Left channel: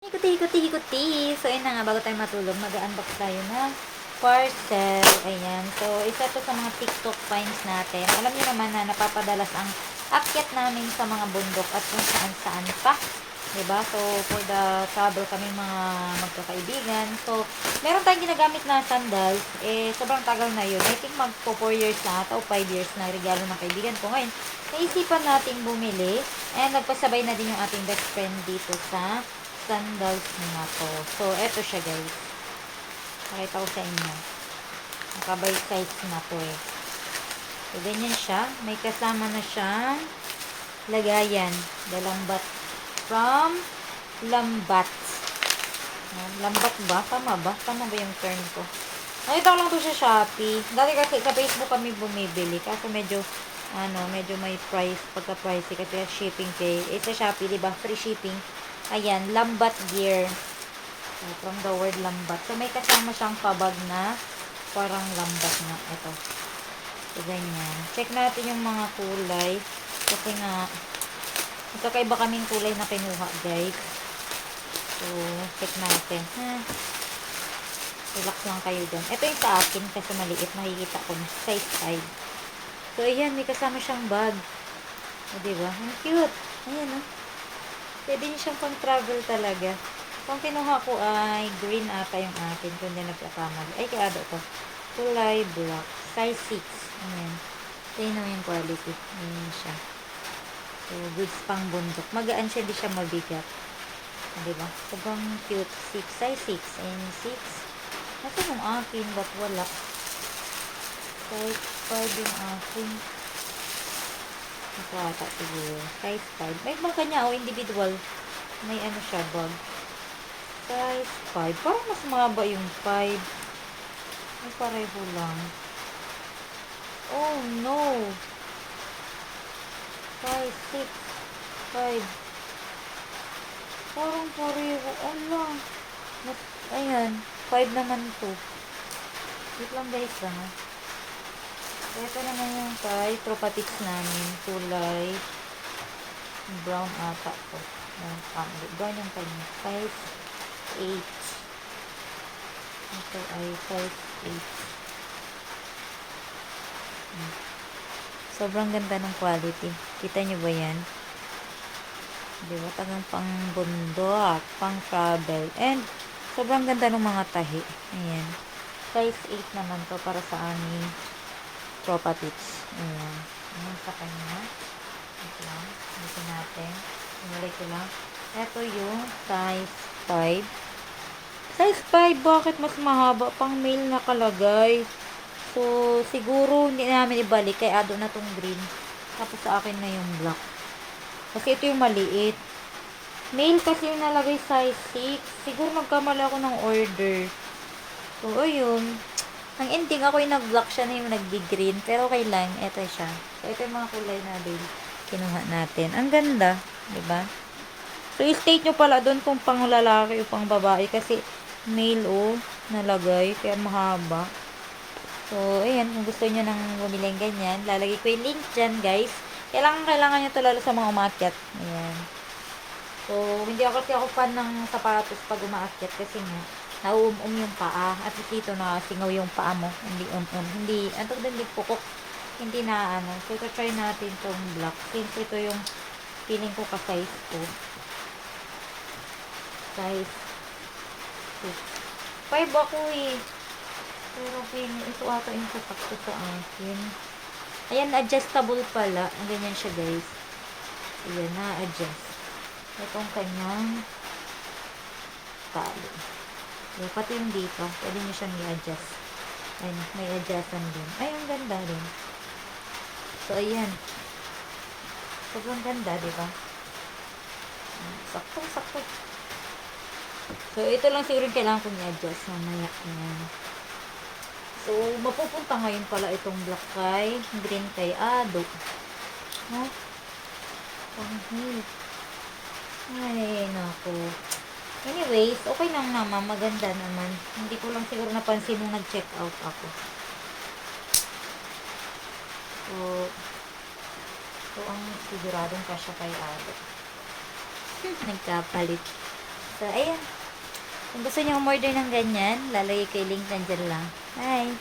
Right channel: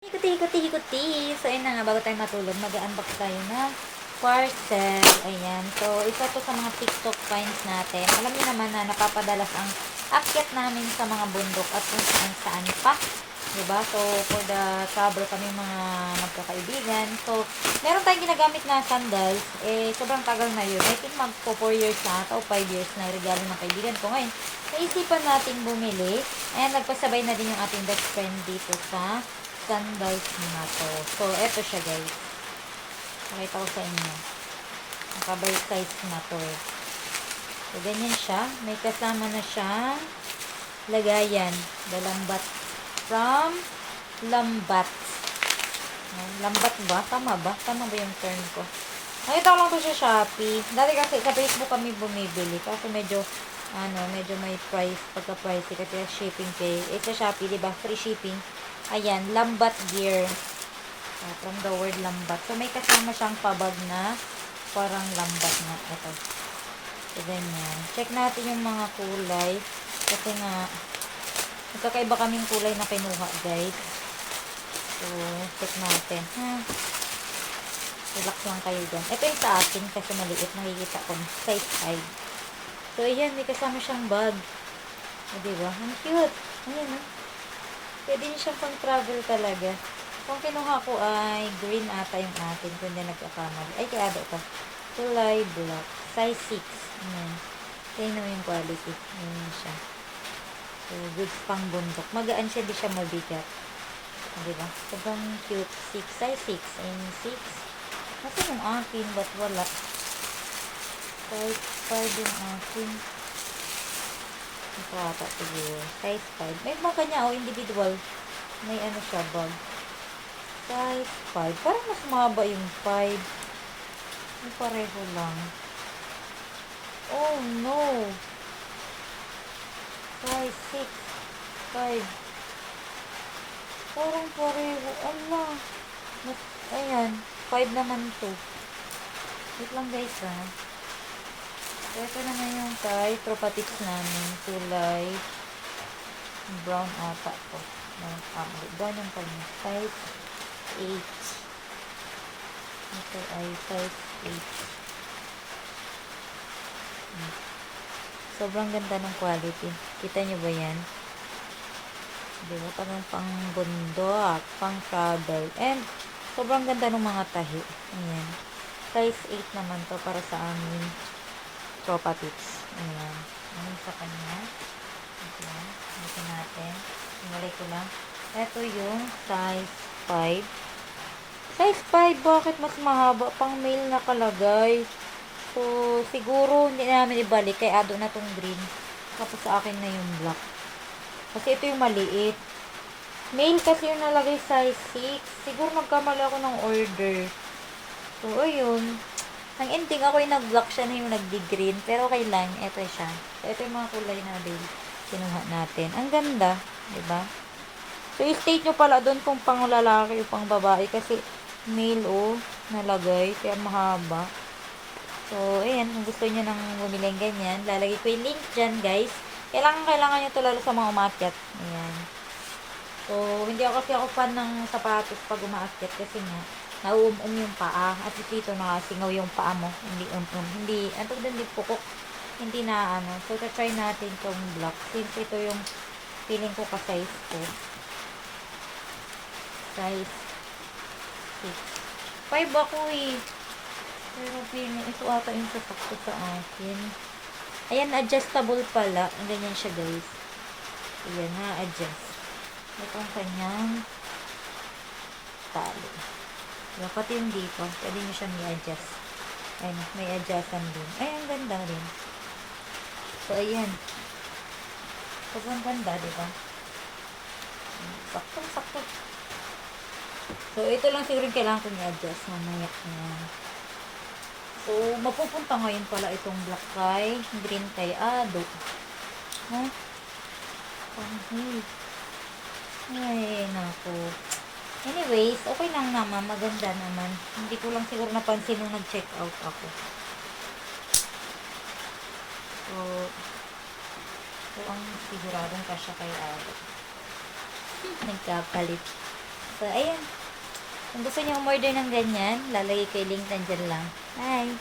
Hikuti-hikuti-hikuti. So, ayun na nga, bago tayo matulog, mag-unbox tayo na parcel. Ayan. So, isa to sa mga TikTok finds natin. Alam niyo naman na napapadalas ang akyat namin sa mga bundok at kung saan-saan pa. Diba? So, for the travel kami mga magkakaibigan. So, meron tayong ginagamit na sandals. Sobrang tagal na yun. I think magpo 4 years na ata o 5 years na regalo ng kaibigan ko. Ngayon, naisipan natin bumili. And nagpasabay na din yung ating best friend dito sa sandals na to. So, eto siya guys. Pakita ko sa inyo. Nakabay size na to eh. So, ganyan siya. May kasama na siyang lagayan. Dalambat. From Lambat. Lambat ba? Tama ba? Tama ba yung term ko? Nakita ko lang to sa Shopee. Dati kasi sa Facebook kami bumibili. Kasi medyo may price, pagka-pricey kasi shipping kay, sa Shopee, diba? Free shipping. Ayan, Lambat gear. From the word lambat. So, may kasama siyang pabag na parang lambat na. Ito. So, ganyan. Check natin yung mga kulay. Kasi nga, magkakaiba kaming kulay na kinuha, guys. So, check natin. Relax lang kayo dyan. Ito yung sa akin kasi maliit. Nakikita ko. Size 5. So, ayan. May kasama siyang bag. O, diba? Ang cute. Ayan, oh. Pwede niyo siyang pang-travel talaga. Kung kinuha ko ay green ata yung atin. Kung hindi nagkakamali. Ay, kaya ito. Kulay black. Size 6. Ayan. Tingnan mo yung quality. Ayan siya. So, goods pang bundok. Magaan siya, di siya mabigat. Diba? Sobrang cute. Size 6. Ayan, 6. Nasa yung akin, ba't wala? Size 5 yung akin. Ito ata siguro. Size 5. May mga kanya, individual. May ano siya, bag. Size 5. Parang mas mahaba yung 5. May pareho lang. Oh, no. Size 6. 5. Parang pareho. Allah. Ayan. 5 naman to. Wait lang guys ha. Ito naman yung kay Tropa Tips namin. Kulay brown ata to. Brown yung kanya. Size 8. Ito ay size 8. Sobrang ganda ng quality. Kita nyo ba yan? Diba? Tagang pang bundok, pang travel. And, sobrang ganda ng mga tahi. Ayan. Size 8 naman to para sa aming Tropa Tips. Ayan. Ayan sa kanya. Ito lang. Dito natin. Ingalay ko lang. Ito yung size 5. Size 5, bakit mas mahaba? Pang male nakalagay. So, siguro hindi namin ibalik. Kaya ado na tong green. Tapos sa akin na yung black. Kasi ito yung maliit. Male kasi yung nalagay size 6. Siguro nagkamali ako ng order. So, ayun. Ang ending ako yung nag-black siya na yung nag-green. Pero okay lang. Ito siya. So, ito yung mga kulay na din. Kinuha natin. Ang ganda. Diba? So, i-state nyo pala doon kung pang lalaki o pang babae. Kasi male nalagay. Kaya mahaba. So, ayan, kung gusto niyo nang bumili ng ganyan, lalagay ko yung link dyan, guys. Kailangan nyo ito lalo sa mga umakyat. Ayan. So, hindi ako kasi ako fan ng sapatos pag umaakyat kasi nga, nauum-um yung paa. At dito nakasingaw yung paa mo. Hindi Hindi, hindi pukok. Hindi na So, try natin itong black. Since ito yung feeling ko ka-size ko. Size 6. 5 ako eh. Pero ito ata yung sasakto sa akin. Ayan, adjustable pala. Ang ganyan siya, guys. Ayan, na-adjust. Ito ang kanyang tali. Ayan, pati yung dito. Pwede nyo siyang i-adjust. Ayan, may adjustan din. Ay, ang ganda rin. So, ayan. Sobrang ganda, diba? Sakto. So, ito lang siguro yung kailangan kong i-adjust. Mamaya. Ayan. So, mapupunta ngayon pala itong black kay green kay Ado. Panghil. Ay, naku. Anyways, okay lang naman. Maganda naman. Hindi ko lang siguro napansin nung nag-check out ako. So ang siguradong kasya kay Ado. Nagkapalit. So, ayun. Kung gusto niyo umorder ng ganyan, lalagay ko yung link nandyan lang. Bye!